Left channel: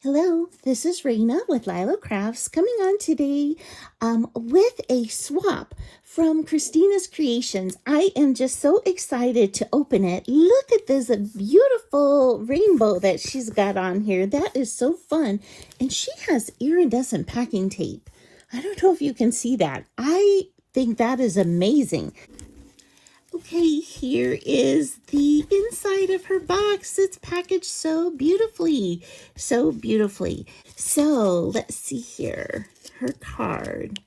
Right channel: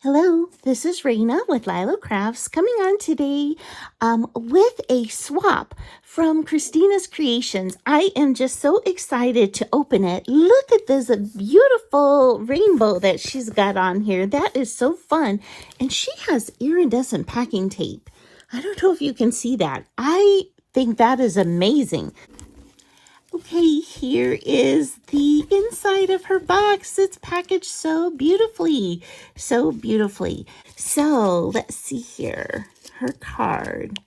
Hello, this is Raina with LYLO Crafts coming on today with a swap from Christina's Creations. I am just so excited to open it. Look at this beautiful rainbow that she's got on here. That is so fun. And she has iridescent packing tape. I don't know if you can see that. I think that is amazing. Okay, here is the inside of her box. It's packaged so beautifully, so beautifully. So let's see here, her card.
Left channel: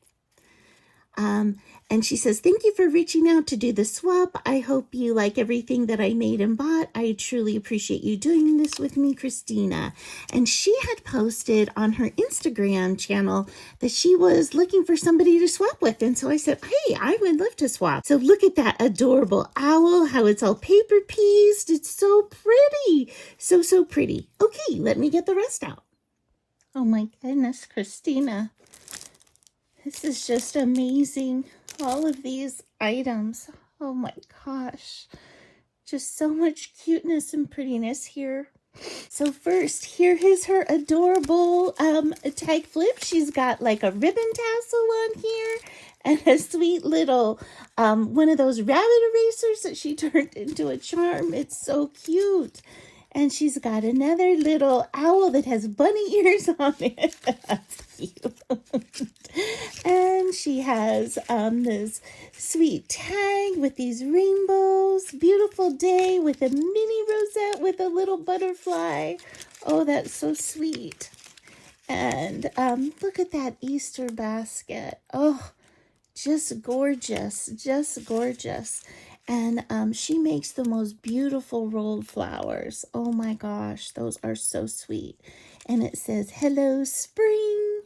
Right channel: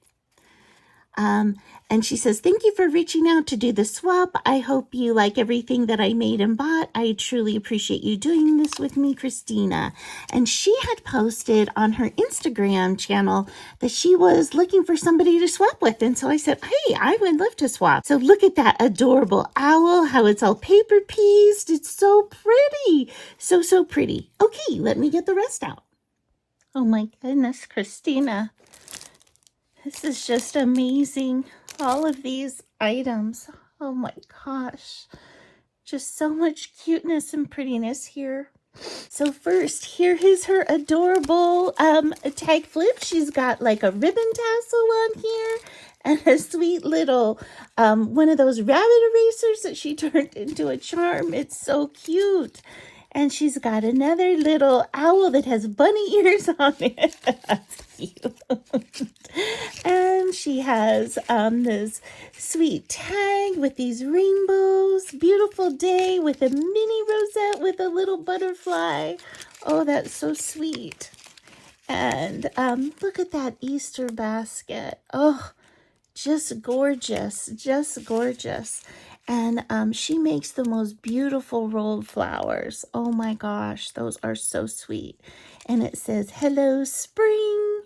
And she says, thank you for reaching out to do the swap. I hope you like everything that I made and bought. I truly appreciate you doing this with me, Christina. And she had posted on her Instagram channel that she was looking for somebody to swap with. And so I said, hey, I would love to swap. So look at that adorable owl, how it's all paper pieced. It's so pretty. So, so pretty. Okay, let me get the rest out. Oh my goodness, Christina. This is just amazing. All of these items. Oh my gosh. Just so much cuteness and prettiness here. So first, here is her adorable tag flip. She's got like a ribbon tassel on here and a sweet little one of those rabbit erasers that she turned into a charm. It's so cute. And she's got another little owl that has bunny ears on it. That's cute. And she has this sweet tag with these rainbows. Beautiful day with a mini rosette with a little butterfly. Oh, that's so sweet. And look at that Easter basket. Oh, just gorgeous. Just gorgeous. And she makes the most beautiful rolled flowers. Oh my gosh, those are so sweet. And it says, hello, spring.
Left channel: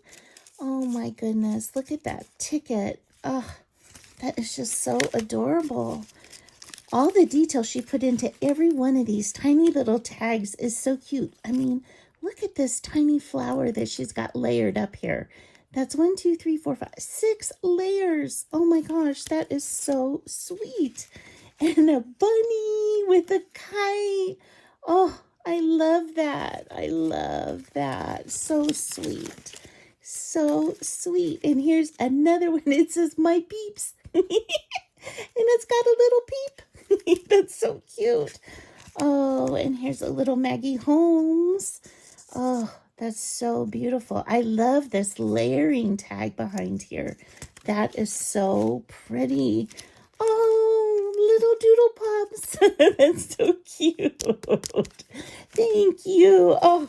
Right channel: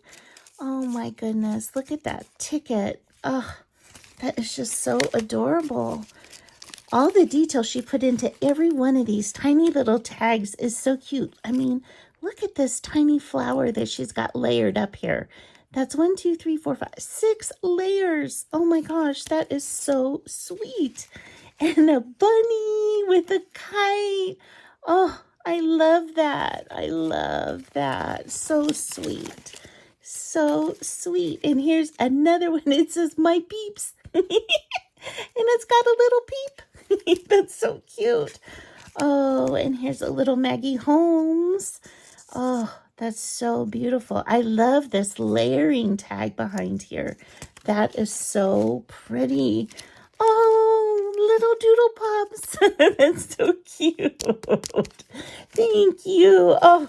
Oh my goodness, look at that ticket. Oh, that is just so adorable. All the detail she put into every one of these tiny little tags is so cute. I mean, look at this tiny flower that she's got layered up here. That's 1, 2, 3, 4, 5, 6 layers. Oh my gosh, that is so sweet. And a bunny with a kite. Oh, I love that. I love that. So sweet. So sweet. And here's another one. It says, my peeps. And it's got a little peep. That's so cute. Oh, and here's a little Maggie Holmes. Oh, that's so beautiful. I love this layering tag behind here. That is so pretty. Oh, little doodle pups. That's so cute. Thank you. Oh,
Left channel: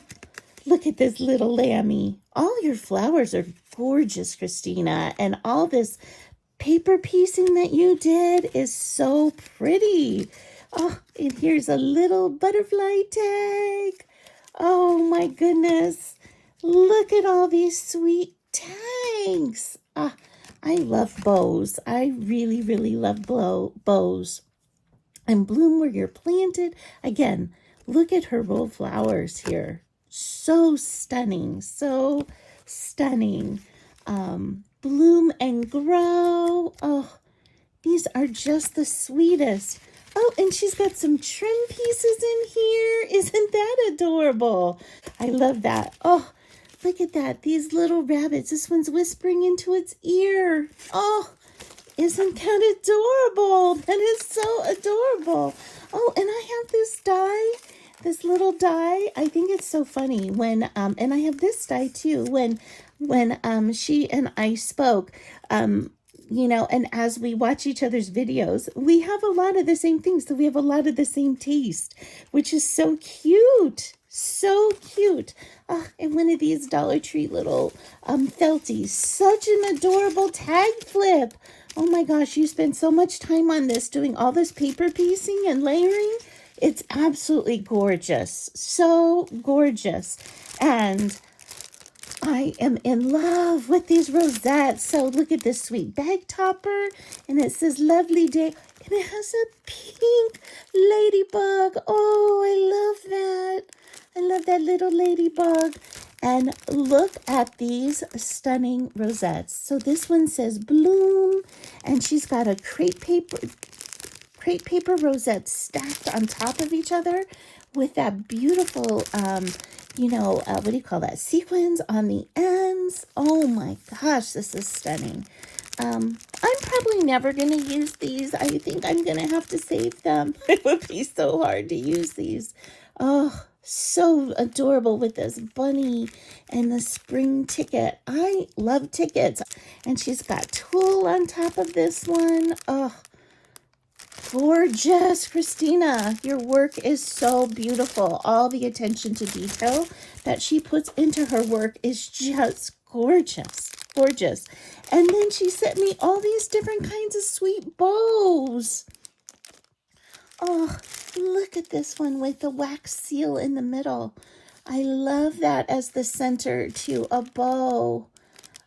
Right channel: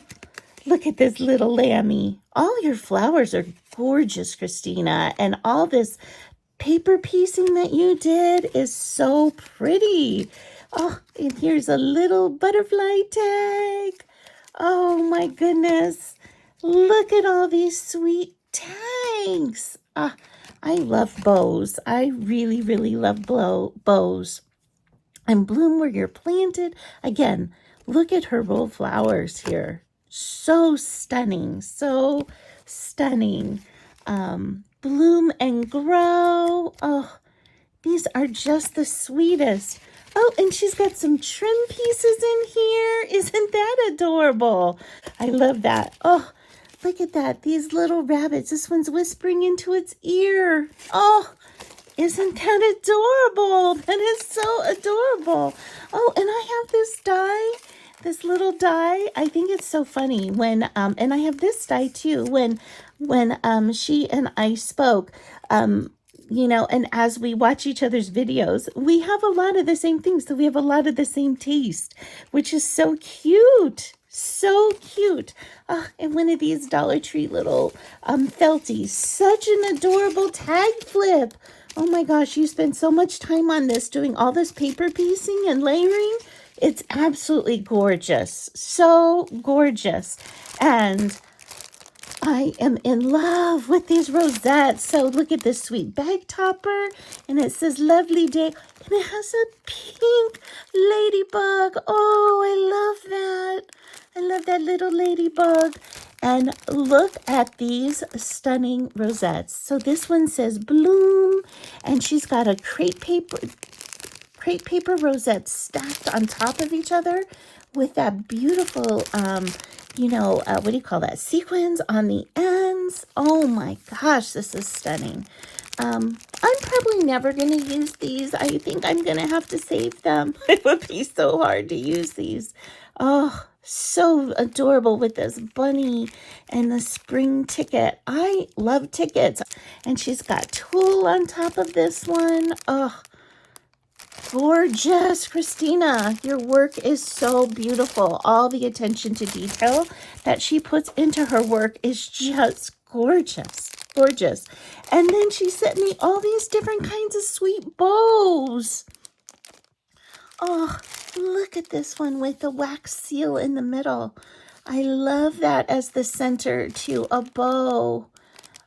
look at this little lammy. All your flowers are gorgeous, Christina. And all this paper piecing that you did is so pretty. Oh, and here's a little butterfly tag. Oh my goodness. Look at all these sweet tags. I love bows. I really, really love bows. And bloom where you're planted. Again, look at her rolled flowers here. So stunning. So stunning. Bloom and grow. Oh, these are just the sweetest. Oh, and she's got some trim pieces in here. Isn't that adorable? I love that. Oh, look at that. These little rabbits. This one's whispering into its ear. Oh, isn't that adorable? That is so adorable. Oh, and I have this die. This little die. I think it's so funny when, and I have this die too, when she and I spoke, you know, and as we watch each other's videos, we have a lot of the same things. So we have a lot of the same taste, which is so cute. So cute. And one of these Dollar Tree little felties. Such an adorable tag flip. Oh my gosh, you spend so much time on this, doing all this paper piecing and layering. It's absolutely gorgeous. So gorgeous. And I am in love with these rosettes. So look at this sweet bag topper. And it says lovely day. And it has a pink ladybug. Oh, I love that. I love that little ladybug. And look at these stunning rosettes. So this one says bloom. And she's got a crepe paper rosettes stacked on top of each other with that beautiful you know, what do you call that? Sequins on the ends. Oh my gosh, this is stunning. I'm probably never going to use these. I think I'm going to have to save them. It would be so hard to use these. Oh, so adorable with this bunny and the spring ticket. I love tickets. And she's got tulle on top of this one. Oh, gorgeous. Christina, your work is so beautiful. All the attention to detail that she puts into her work is just gorgeous. Gorgeous. And then she sent me all these different kinds of sweet bows. Oh, look at this one with the wax seal in the middle. I love that as the center to a bow.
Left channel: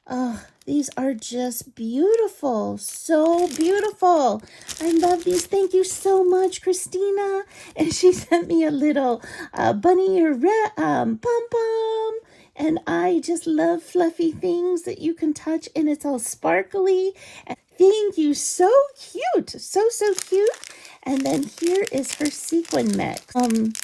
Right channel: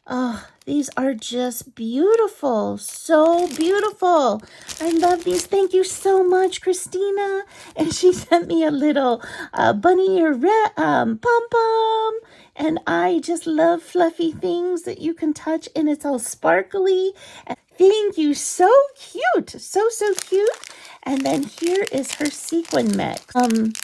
Oh, these are just beautiful. So beautiful. I love these. Thank you so much, Christina. And she sent me a little bunny ear pom-pom. And I just love fluffy things that you can touch, and it's all sparkly. Thank you. So cute. So cute. And then here is her sequin mix.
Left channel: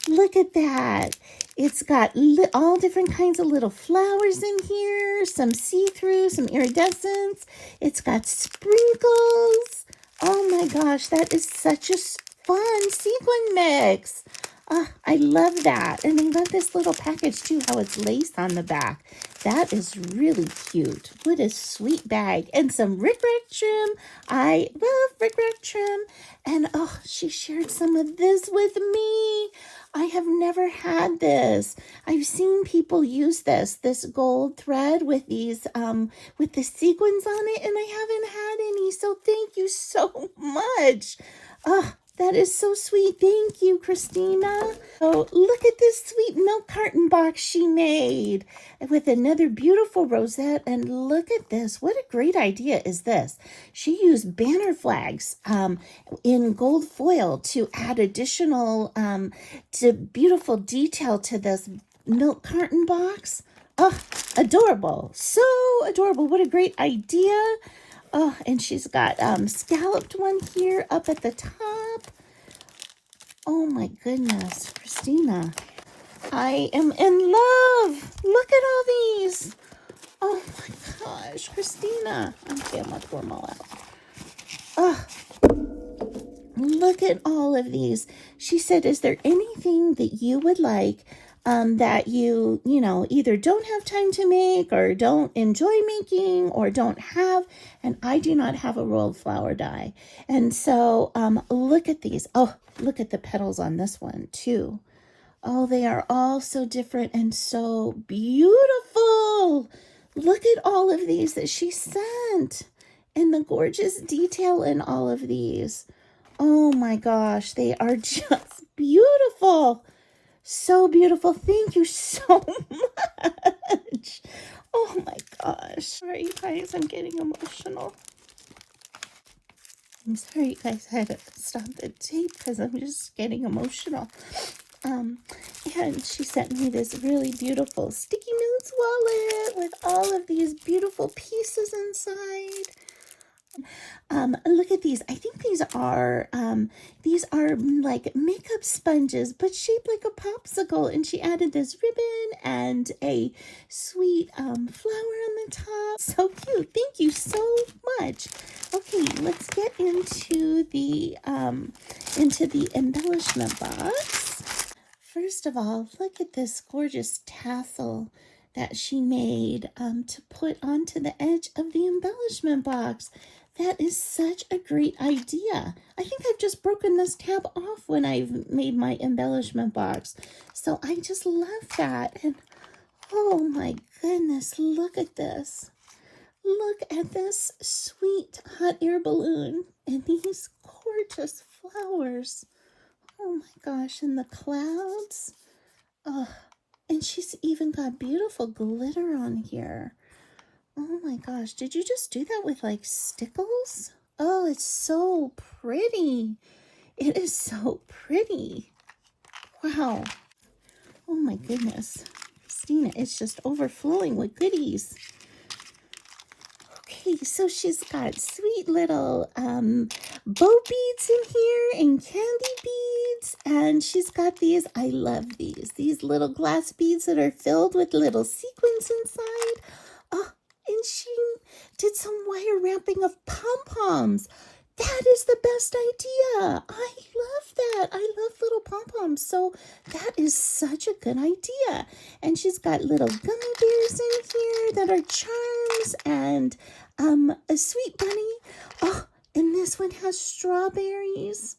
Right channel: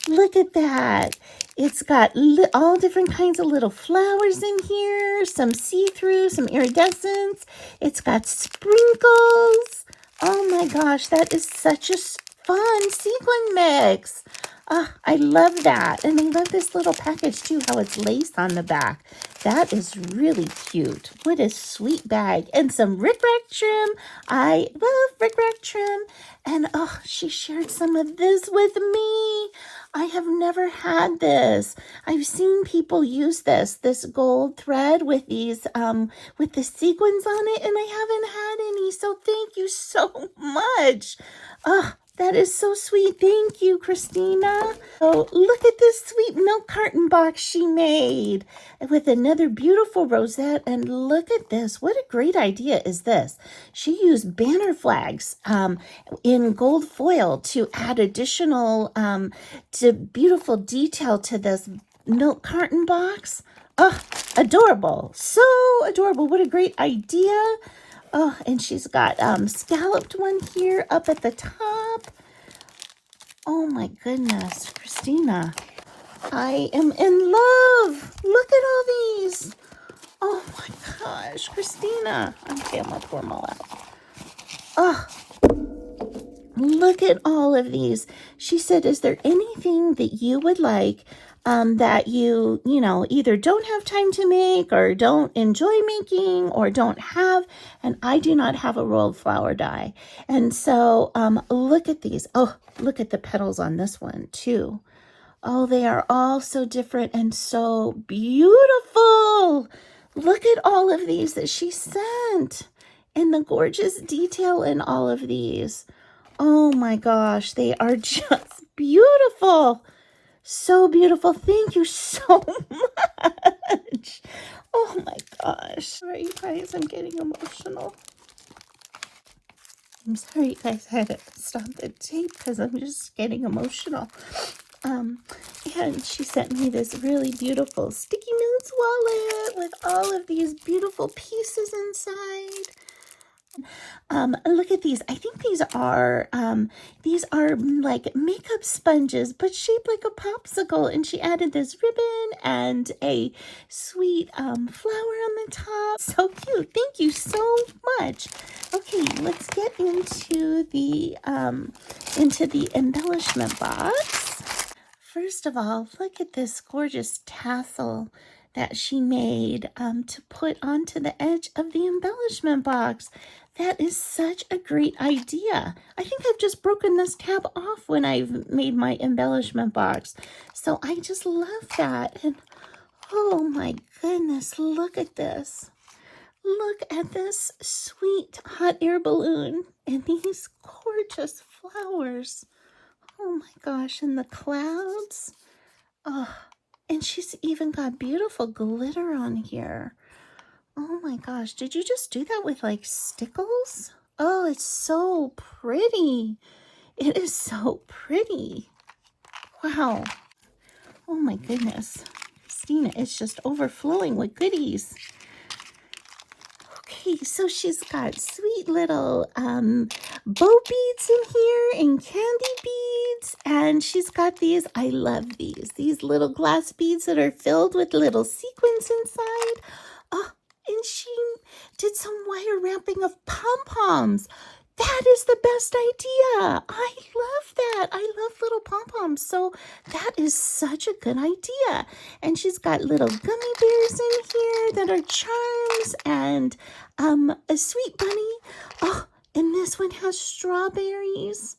Look at that. It's got all different kinds of little flowers in here, some see-through, some iridescence. It's got sprinkles. Oh my gosh, that is such a fun sequin mix. I love that. And I love this little package too, how it's lace on the back. That is really cute. What a sweet bag. And some rickrack trim. I love rickrack trim. And oh, she shared some of this with me. I have never had this. I've seen people use this gold thread with these, with the sequins on it, and I haven't had any. So thank you so much. That is so sweet. Thank you, Christina. Oh, look at this sweet milk carton box she made with another beautiful rosette. And look at this. What a great idea is this? She used banner flags in gold foil to add additional to beautiful detail to this milk carton box. Oh, adorable. So adorable. What a great idea. Oh, and she's got scalloped one here up at the top. Oh my goodness, Christina. I am in love. Look at all these. Oh my gosh, Christina. Okay, I'm gonna pour them all out. Oh, look at all of these. She said, is there anything that you would like that you know, either don't have time to make or don't enjoy making or don't have? And I do not have a rolled flower die. And so look at these. Oh, look at the petals on this one too. Oh, they are all so different and so beautiful. Look at all of these that she sent and the gorgeous detail in all of these. Oh my gosh, they are just beautiful. So beautiful. Thank you so much. Oh my gosh. Sorry, you guys, I'm getting emotional. I'm sorry, you guys, I had to stop the tape because I'm just getting emotional. And she sent me this really beautiful sticky notes wallet with all of these beautiful pieces inside. Look at these. I think these are like makeup sponges, but shaped like a popsicle. And she added this ribbon and a sweet flower on the top. So cute. Thank you so much. Okay, let's get into the embellishment box. First of all, look at this gorgeous tassel that she made to put onto the edge of the embellishment box. That is such a great idea. I think I've just broken this tab off when I've made my embellishment box. So I just love that. And oh my goodness, look at this. Look at this sweet hot air balloon and these gorgeous flowers. Oh my gosh, and the clouds. Oh, and she's even got beautiful glitter on here. Oh my gosh, did you just do that with like stickles? Oh, it's so pretty. It is so pretty. Wow. Oh my goodness. Christina is just overflowing with goodies. Okay, so she's got sweet little bow beads in here and candy beads. beads, and she's got these. I love these little glass beads that are filled with little sequins inside. Oh, and she did some wire wrapping of pom-poms. That is the best idea. I love that. I love little pom-poms. So that is such a good idea. And she's got little gummy bears in here that are charms, and a sweet bunny. Oh, and this one has strawberries.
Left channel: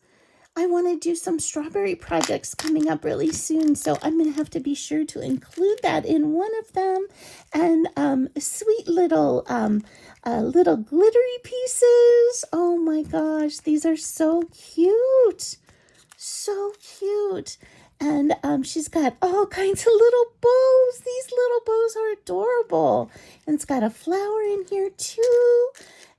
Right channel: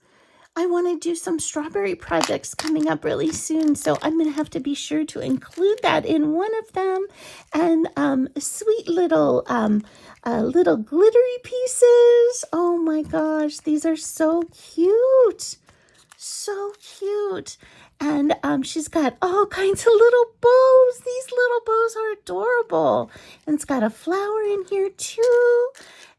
I want to do some strawberry projects coming up really soon, so I'm going to have to be sure to include that in one of them. And sweet little glittery pieces. Oh my gosh, these are so cute. So cute. And she's got all kinds of little bows. These little bows are adorable. And it's got a flower in here too.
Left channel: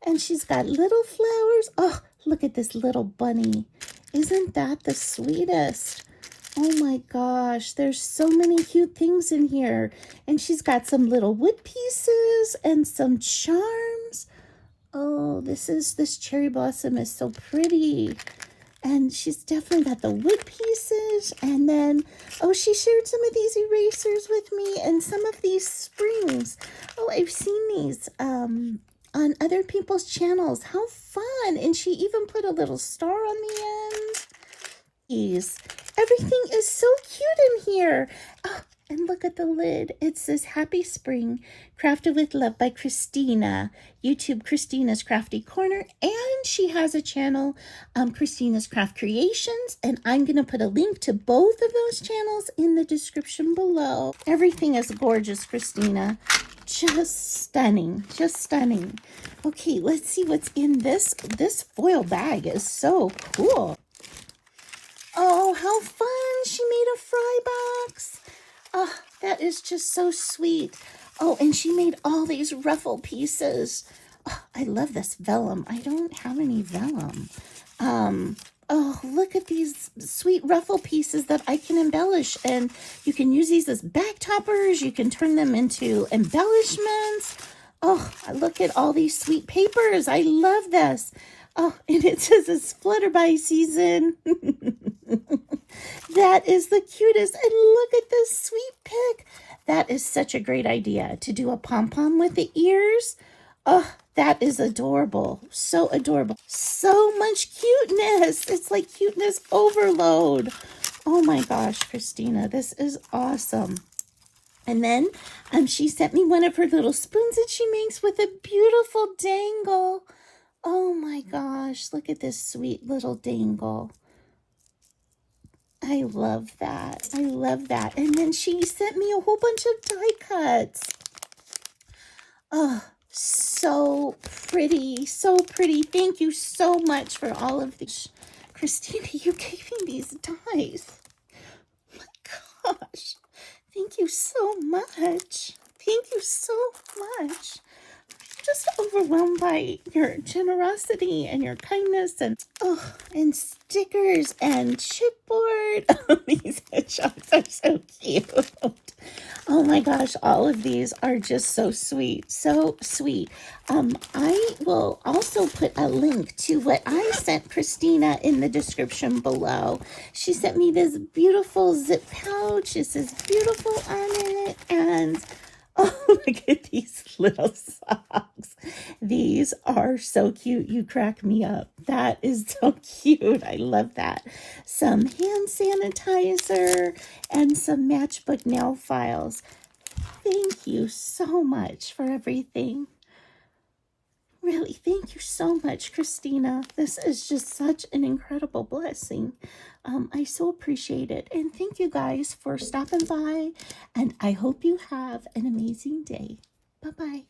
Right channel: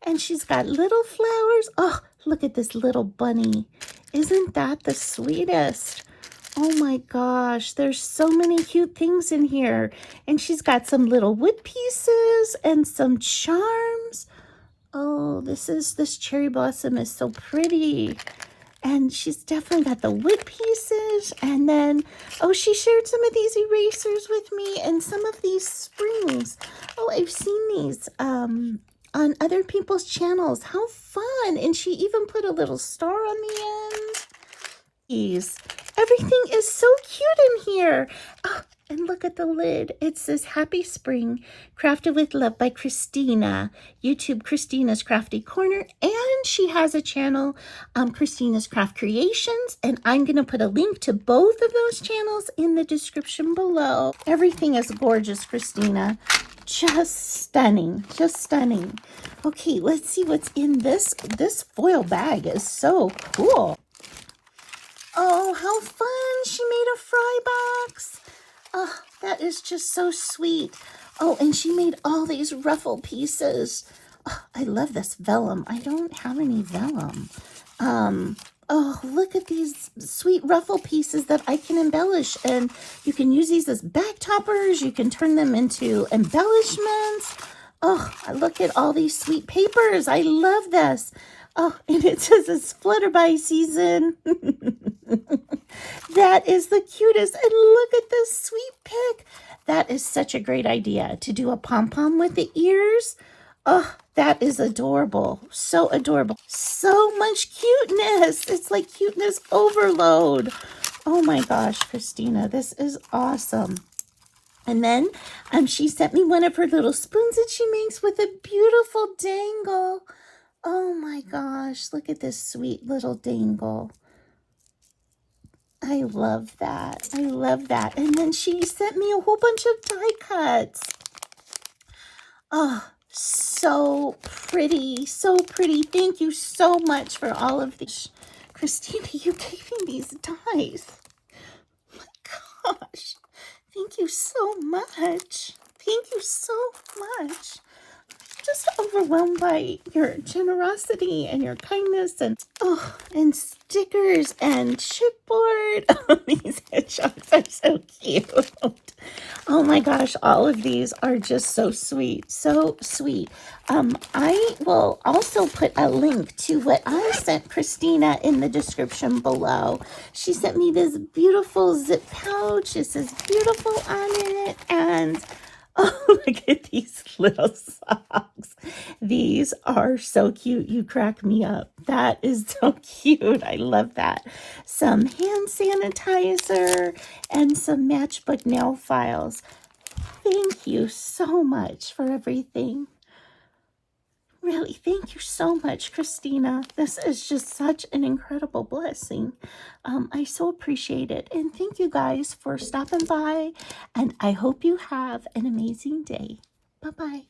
And she's got little flowers. Oh, look at this little bunny. Isn't that the sweetest? Oh my gosh, there's so many cute things in here. And she's got some little wood pieces and some charms. Oh, this cherry blossom is so pretty. And she's definitely got the wood pieces. And then, oh, she shared some of these erasers with me and some of these springs. Oh, I've seen these on other people's channels. How fun. And she even put a little star on the end. Everything is so cute in here. Oh, and look at the lid. It says Happy Spring, Crafted with Love by Christina. YouTube Christina's Crafty Corner. And she has a channel, Christina's Craft Creations. And I'm going to put a link to both of those channels in the description below. Everything is gorgeous, Christina. Just stunning. Just stunning. Okay, let's see what's in this. This foil bag is so cool. Oh, how fun. She made a fry box. Oh, that is just so sweet. Oh, and she made all these ruffle pieces. Oh, I love this vellum. I don't have any vellum. Oh, look at these sweet ruffle pieces that I can embellish. And you can use these as bag toppers. You can turn them into embellishments. Oh, look at all these sweet papers. I love this. Oh, and it says it's Flutterby season. That is the cutest. And look at this sweet pick. That is such a great idea to do a pom-pom with the ears. Oh, that is adorable. So adorable. So much cuteness. It's like cuteness overload. Oh my gosh, Christina, this is awesome. And then she sent me one of her little spoons that she makes with a beautiful dangle. Oh my gosh, look at this sweet little dangle. I love that. I love that. And then she sent me a whole bunch of die cuts. Oh, so pretty. So pretty. Thank you so much for all of these. Christina, you gave me these dies. Oh my gosh. Thank you so much. Thank you so much. Just overwhelmed by your generosity and your kindness, and stickers and chipboard. Oh, these headshots are so cute. Oh my gosh, all of these are just so sweet. So sweet. I will also put a link to what I sent Christina in the description below. She sent me this beautiful zip pouch. It says beautiful on it, and oh, look at these little socks. These are so cute. You crack me up. That is so cute. I love that. Some hand sanitizer and some matchbook nail files. Thank you so much for everything. Really, thank you so much, Christina. This is just such an incredible blessing. I so appreciate it. And thank you guys for stopping by. And I hope you have an amazing day. Bye-bye.